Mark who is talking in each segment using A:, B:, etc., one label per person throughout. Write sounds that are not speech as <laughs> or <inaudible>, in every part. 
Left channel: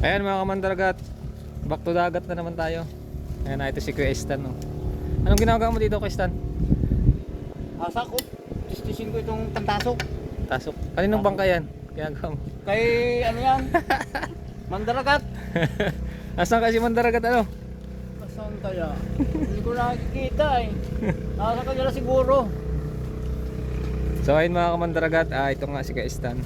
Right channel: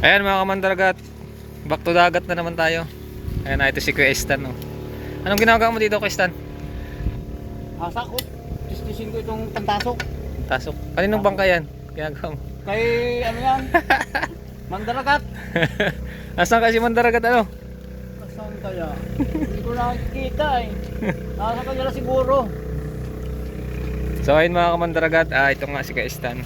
A: Ayan mga kamandragat. Back to dagat na naman tayo. Ayan na ito si Kuya Stan. Oh. Anong ginagawa mo dito Kuya Stan?
B: Asa ko, istisin ko itong tantasok.
A: Tasok. Kaninong bangka yan? Ginagawa mo? <laughs>
B: Kay ano yan? Mandaragat. <laughs>
A: Asan kasi mandaragat ano?
B: Saan kaya? Hindi ko nakikita eh. Nasa kanila siguro.
A: So ayun mga kamandaragat, ah, ito nga si Kaistan.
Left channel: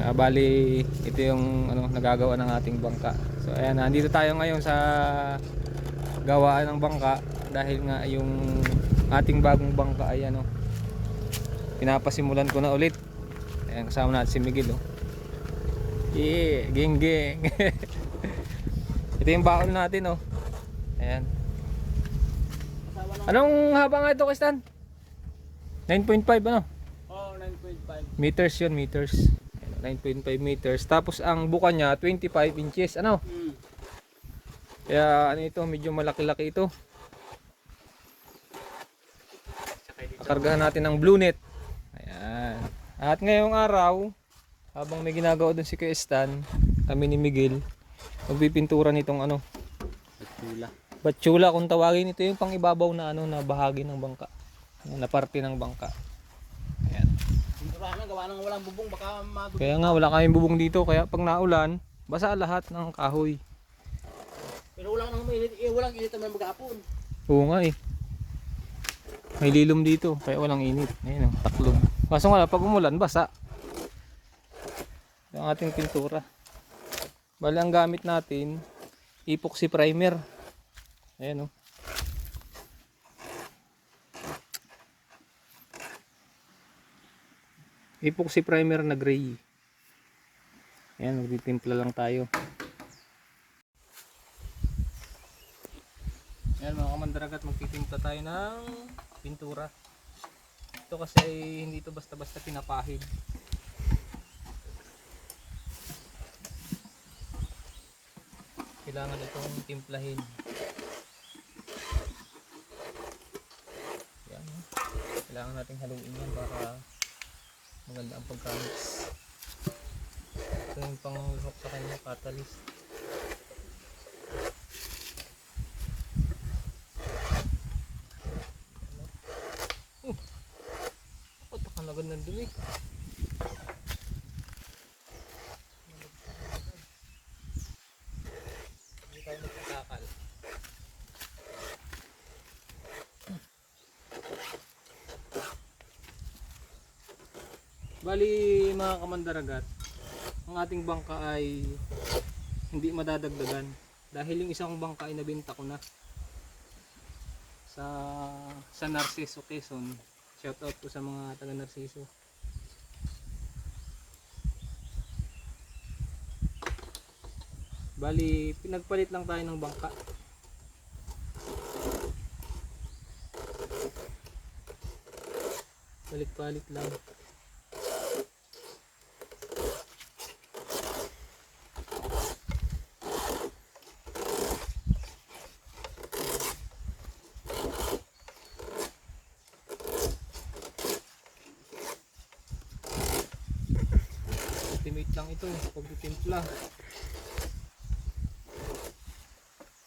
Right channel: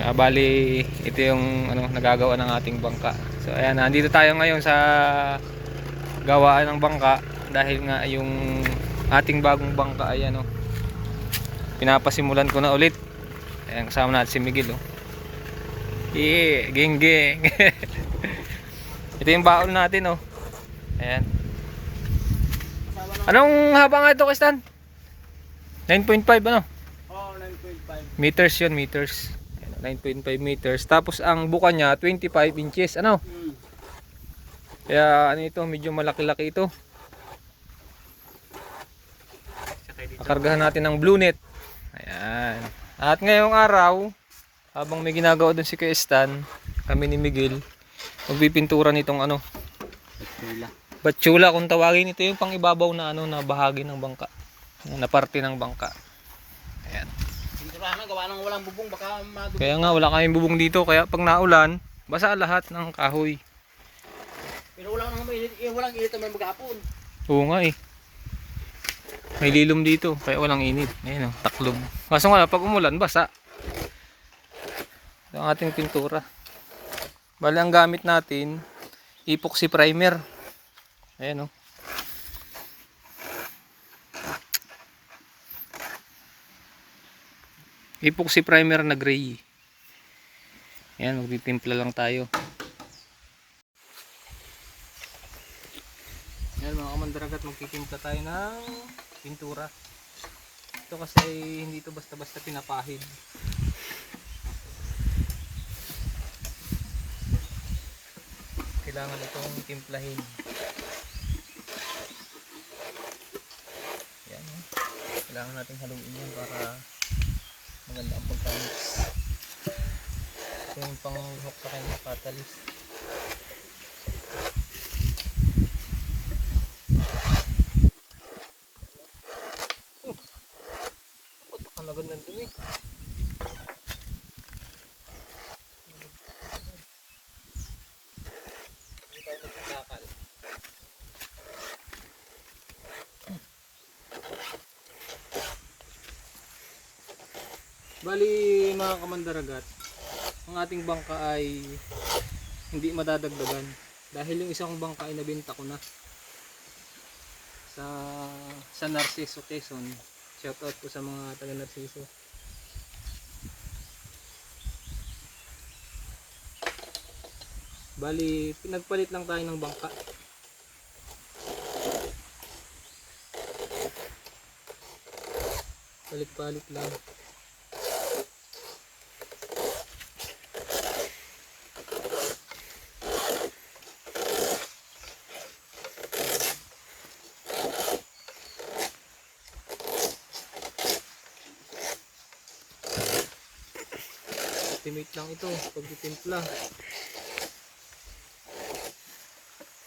A: Ah, bali, ito yung ano, nagagawa ng ating bangka. So ayan, nandito tayo ngayon sa gawaan ng bangka dahil nga yung ating bagong bangka ay ano, pinapasimulan ko na ulit. Ayan, kasama natin si Miguel oh. Yeah, geng geng. ito yung baon natin oh. Ayan. Anong haba nga ito, Kaistan? 9.5 ano?
B: Oh, 9.5.
A: Meters yun, meters. Ayan, 9.5 meters. Tapos ang buka niya, 25 inches. Ano? Kaya ano ito, medyo malaki-laki ito. Kargahan natin ng blue net. Ayan. At ngayong araw, habang may ginagawa doon si Kuya Stan, kami ni Miguel, magpipintura nitong ano,
B: Pagtula.
A: batsula kung tawagin ito yung pang ibabaw na ano na bahagi ng bangka. Na parte ng bangka. Ayan.
B: Pinturahan na, gawa ng walang bubong, baka madugo.
A: Kaya nga wala kaming bubong dito kaya pag naulan, basa lahat ng kahoy.
B: Pero wala nang mainit, eh, walang init naman maghapon.
A: Oo nga eh. May lilom dito kaya walang init. Ayun oh, taklob. Kaso nga pag umulan basa. Ito ang ating pintura. Bali ang gamit natin epoxy primer. Ayan oh. Epoxy primer na gray. Ayan, magtitimpla lang tayo. Yan mga kamandaragat, magtitimpla tayo ng pintura. Ito kasi hindi ito basta-basta pinapahid. Kailangan itong timplahin. Yan. Kailangan natin haluin yan para maganda ang pagkalis. Ito yung pang-hook sa kanya catalyst. Oh, baka magandang dumi. Hindi tayo magkakakal. Bali mga kamandaragat, ang ating bangka ay hindi madadagdagan dahil yung isang bangka ay nabenta ko na sa sa Narciso Quezon. Shout out po sa mga taga Narciso. Bali, pinagpalit lang tayo ng bangka. Palit-palit lang. Estimate lang ito pagtitimpla.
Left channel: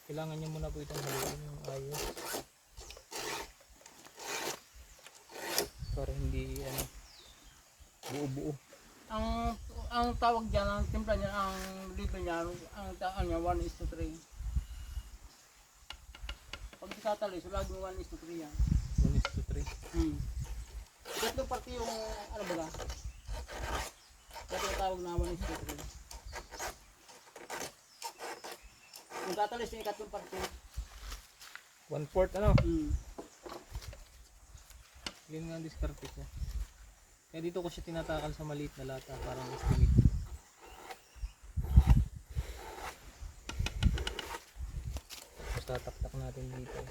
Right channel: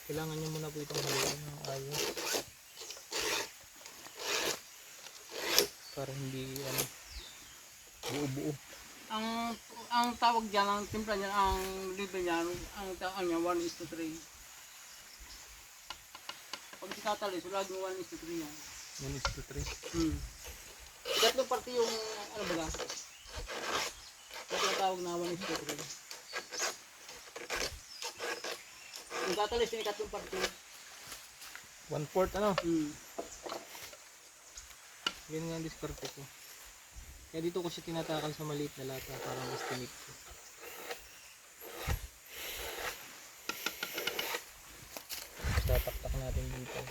A: Kailangan nyo muna po itong haluin ng ayos. Para hindi ano, buo-buo.
B: Ang ang tawag diyan, ang timpla niyan, ang dito niyan, ang tawag niya 1 is to 3. Pag itatalis, wala yung 1 is to 3 yan.
A: 1 is to 3.
B: Hmm. Tatlong parte yung, ano ba lang? Ito yung tawag na 1 is to 3. Yung tatalis yung parte.
A: 1 fourth ano?
B: Hmm.
A: Yun nga ang diskarte ko. Kaya dito ko siya tinatakal sa maliit na lata parang estimate. Tapos tataktak natin dito.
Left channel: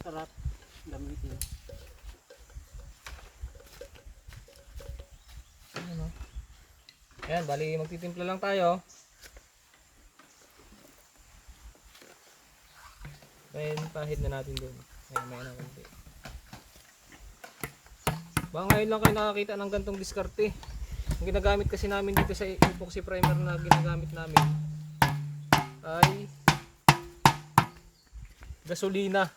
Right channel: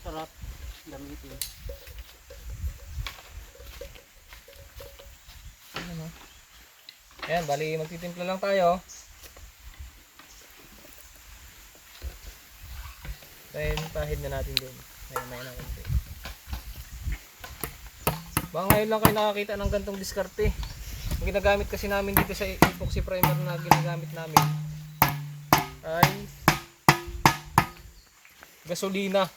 B: Sarap. Gamitin.
A: Ano? Ayan, bali magtitimpla lang tayo. Then, pahid na natin doon. May may na konti. Baka ngayon lang kayo nakakita ng gantong diskarte. Ang ginagamit kasi namin dito sa epoxy primer na ginagamit namin ay gasolina.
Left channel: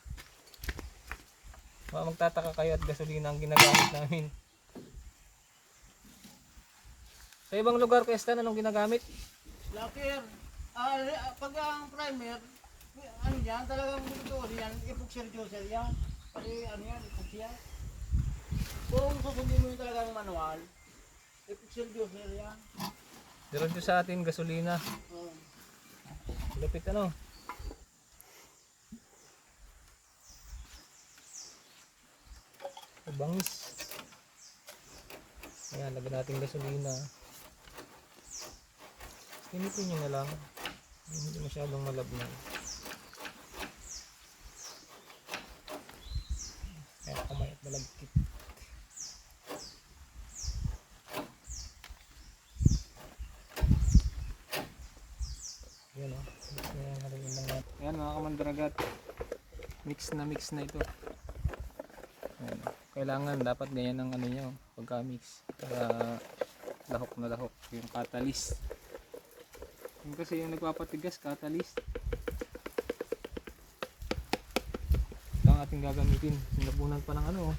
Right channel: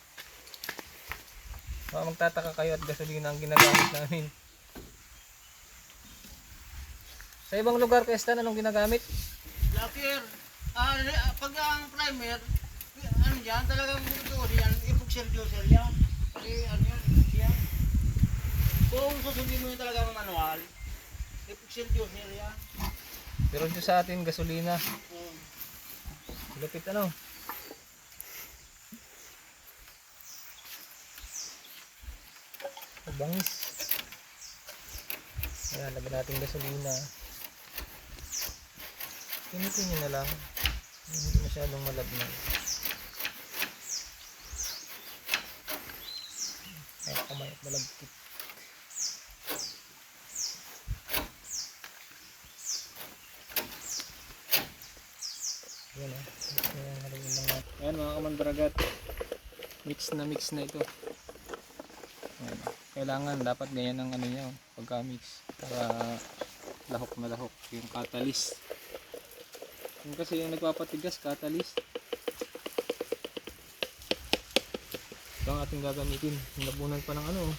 A: Baka magtataka kayo at gasolina ang ginagamit namin. Sa ibang lugar, Kuya anong ginagamit?
B: Lacquer. Ah, ah, pag ang primer, ano yan, talagang ito yan, epoxy closer yan. Kasi ano yan, epoxy yan. Kung susundin mo yung talagang manual, epoxy closer yan.
A: Pero dito sa atin, gasolina.
B: Oh.
A: Lapit ano? Bangis. Ayan, lagyan natin gasolina. Pinitin nyo na lang. Hindi masyadong malabnaw. Kaya kamay at malagkit. Yan o. Natin. Ayan mga kamandaragat. Mix na mix na ito. Ayan, o. Kailangan dapat ganyan ang ano nyo pagka mix. Para lahok na lahok yung catalyst. Yung kasi yung nagpapatigas catalyst. Ito ang ating gagamitin. Nabunan pa ng ano. oh.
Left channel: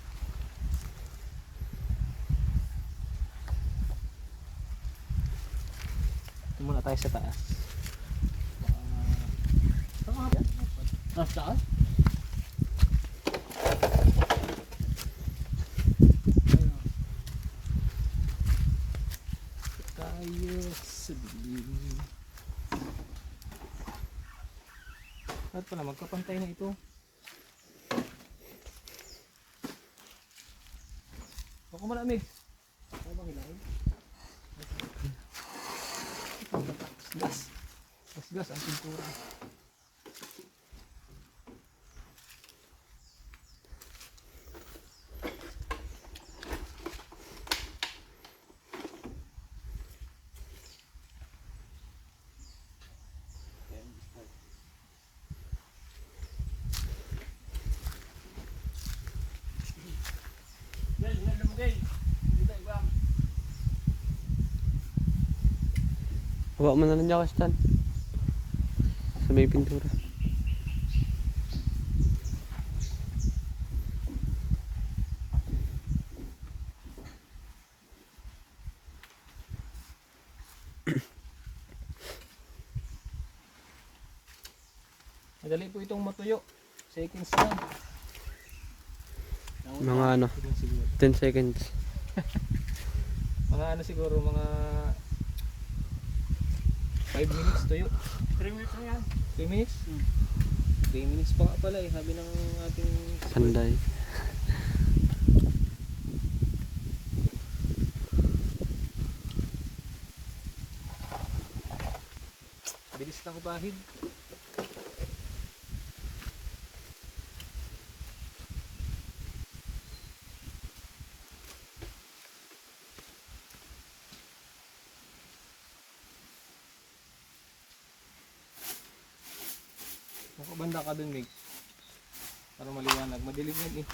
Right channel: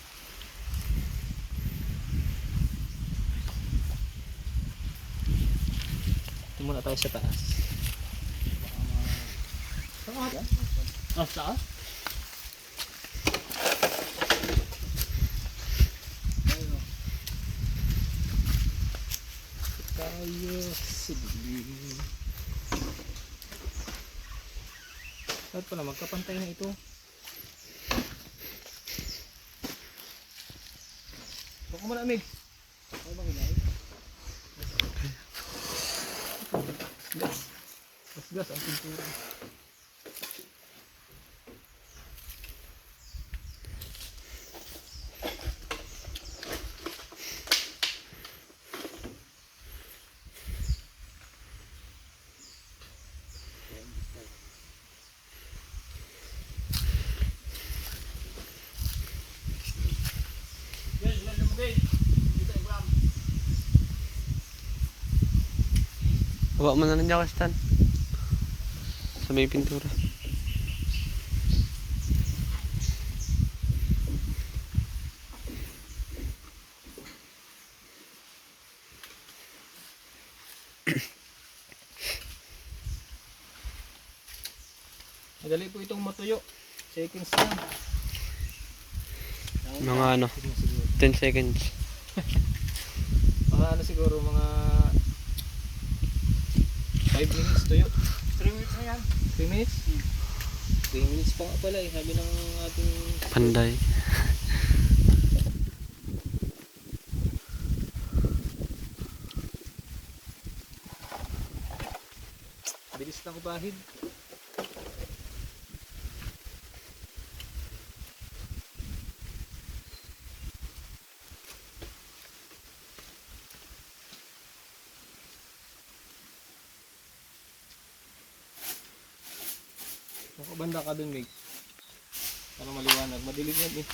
A: Ito muna tayo sa taas.
B: Mas taas?
A: Tayo sa dilim. Lahat pala magkapantay na ito. Baka malamig.
B: Ano bang hinay?
A: Gas. Gas gas ang pintura.
B: Bilis mo
C: na lang dyan, Stan. Sa may pintura.
A: Madali po itong matuyo. Seconds lang.
C: Mga ano,
A: Tignan siguro.
C: 10 seconds. <laughs>
A: Mga ano siguro, mga 5 minutes tuyo.
B: 3 minutes na yan.
A: 3 minutes? 3 minutes pa nga pala eh, sabi ng ating
C: Panday.
A: bilis ng bahid. Ka dun, Mig. Para maliwanag. Madilim yan eh.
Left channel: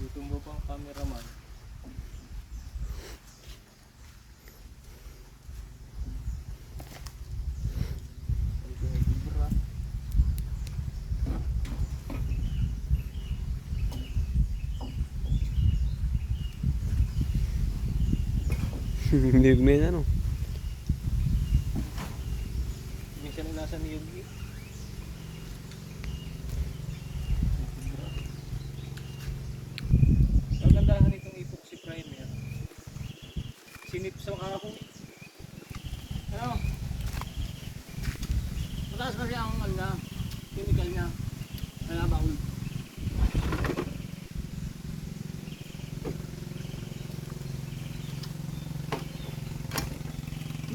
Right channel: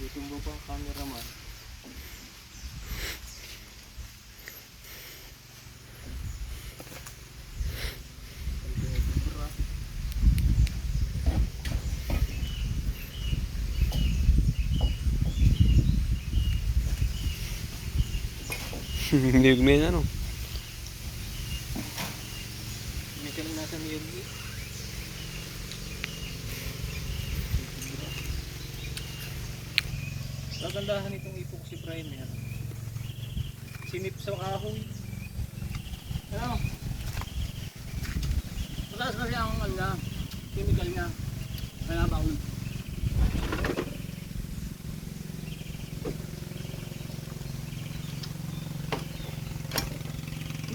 A: Dito mo pa ang cameraman. <laughs>
C: Hindi may ano.
A: May ka lang nasa Miyagi. Kagandahan itong epoxy primer. Sinip sa kahoy.
B: Ano? Mataas kasi ang ano na, chemical niya. Kaya baon.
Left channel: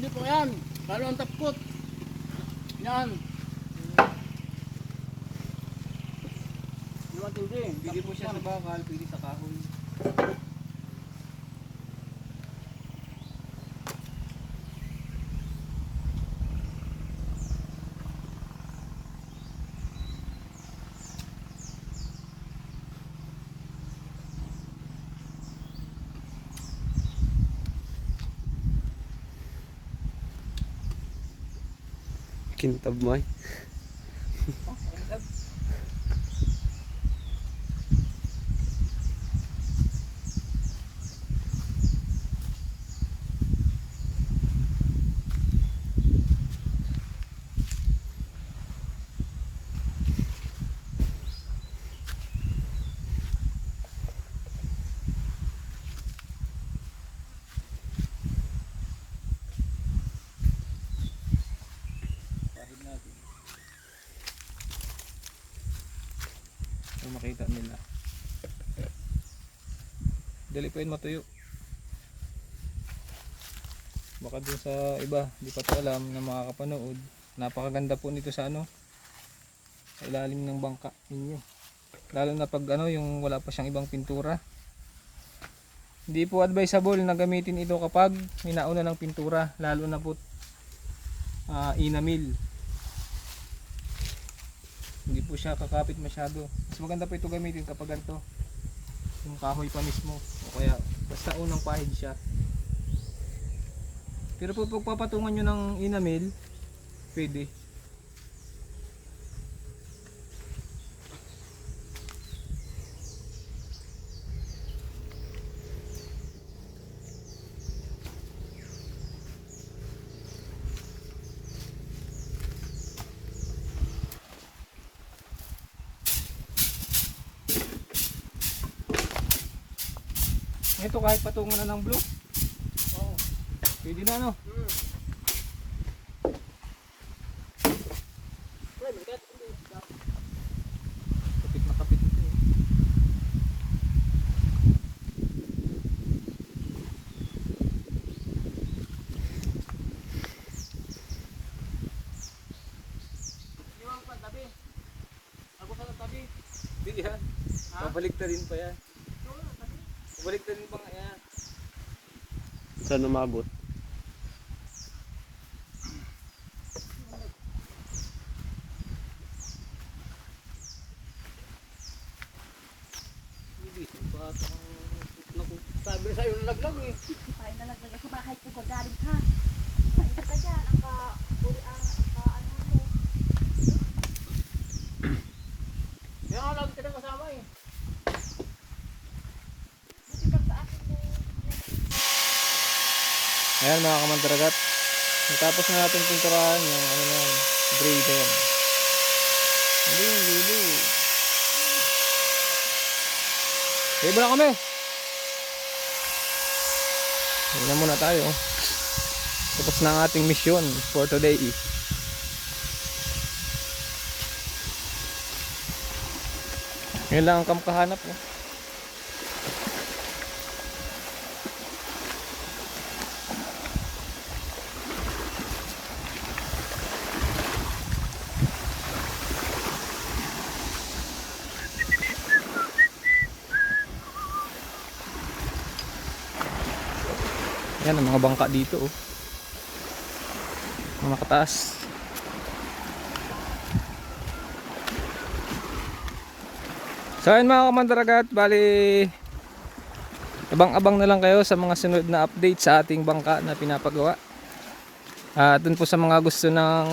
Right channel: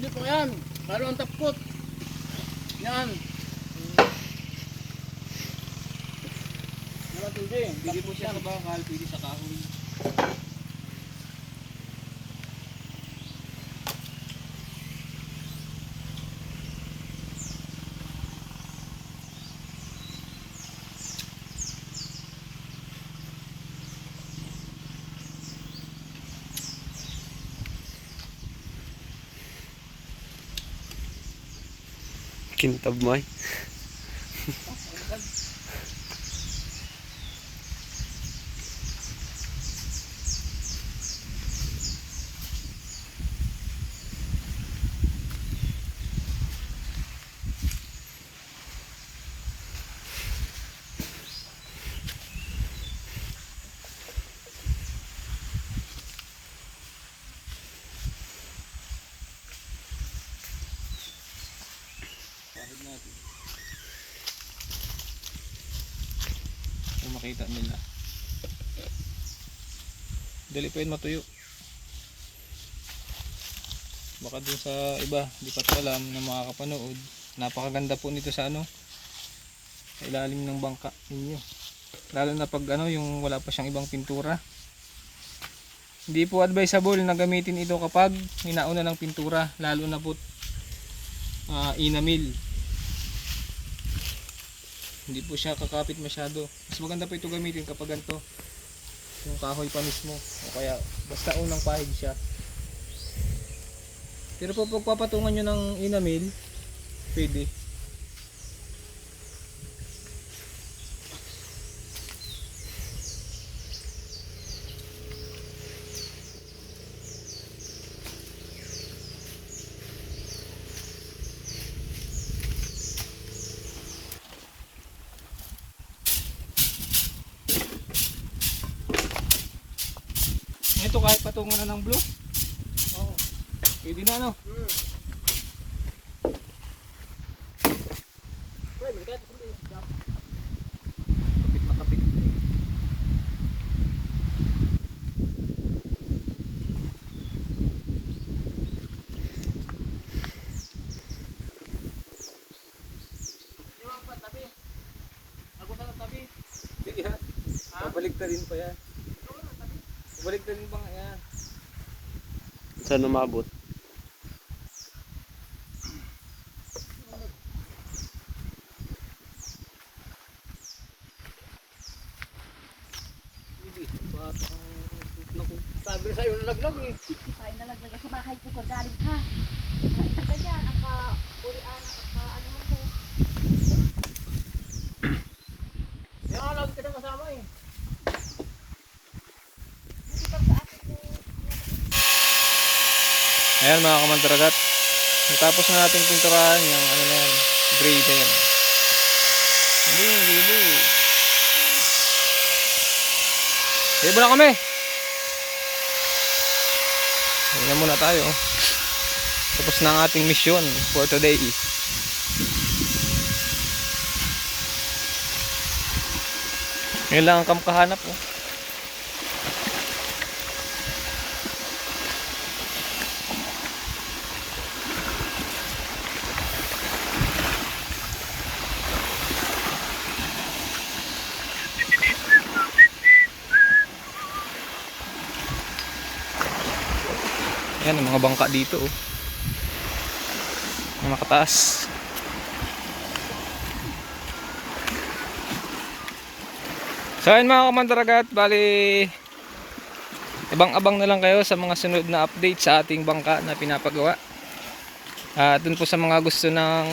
B: Hindi po yan. Lalo ang tapkot. Yan. Matindi.
A: Hindi po siya sa bakal, pwede sa kahoy. kintabmay. Makita nila. Dali pa yun matuyo. Baka dun sa iba, di pa to alam na makakapanood. Napakaganda po nito sa ano, ilalim ng bangka ninyo. Lalo na pag ano, yung wala pa siyang ibang pintura. Hindi po advisable na gamitin ito kapag hinauna ng pintura, lalo na po ah, inamil. Hindi po siya kakapit masyado. Mas maganda po ito gamitin kapag ganito. Yung kahoy pa mismo. O kaya basta unang pahid siya. Pero po pag papatungan nyo ng inamil, pwede. Ito kahit patungan na ng blue. Oo. Pwede na ano? Kapit na kapit ito eh. Hindi yan. Babalik na rin pa yan.
B: entra numa boa.
A: Ayan mga kamantaragat. Natapos na natin pinturahan yung ano na yan, gray na yan. Hindi, hindi, hindi. Sige na kami. Hindi na muna tayo. Tapos na ang ating mission for today. Ngayon lang ang kamkahanap oh. Ayan mga bangka dito oh. Mga nakataas. So ayun mga kamandaragat, bali ibang-abang na lang kayo sa mga sunod na update sa ating bangka na pinapagawa. At dun po sa mga gusto ng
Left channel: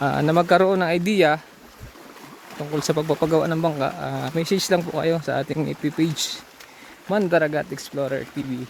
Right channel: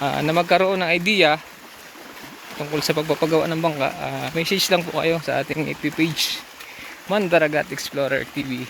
A: ah, na magkaroon ng idea tungkol sa pagpapagawa ng bangka, ah, message lang po kayo sa ating FB page Mandaragat Explorer TV.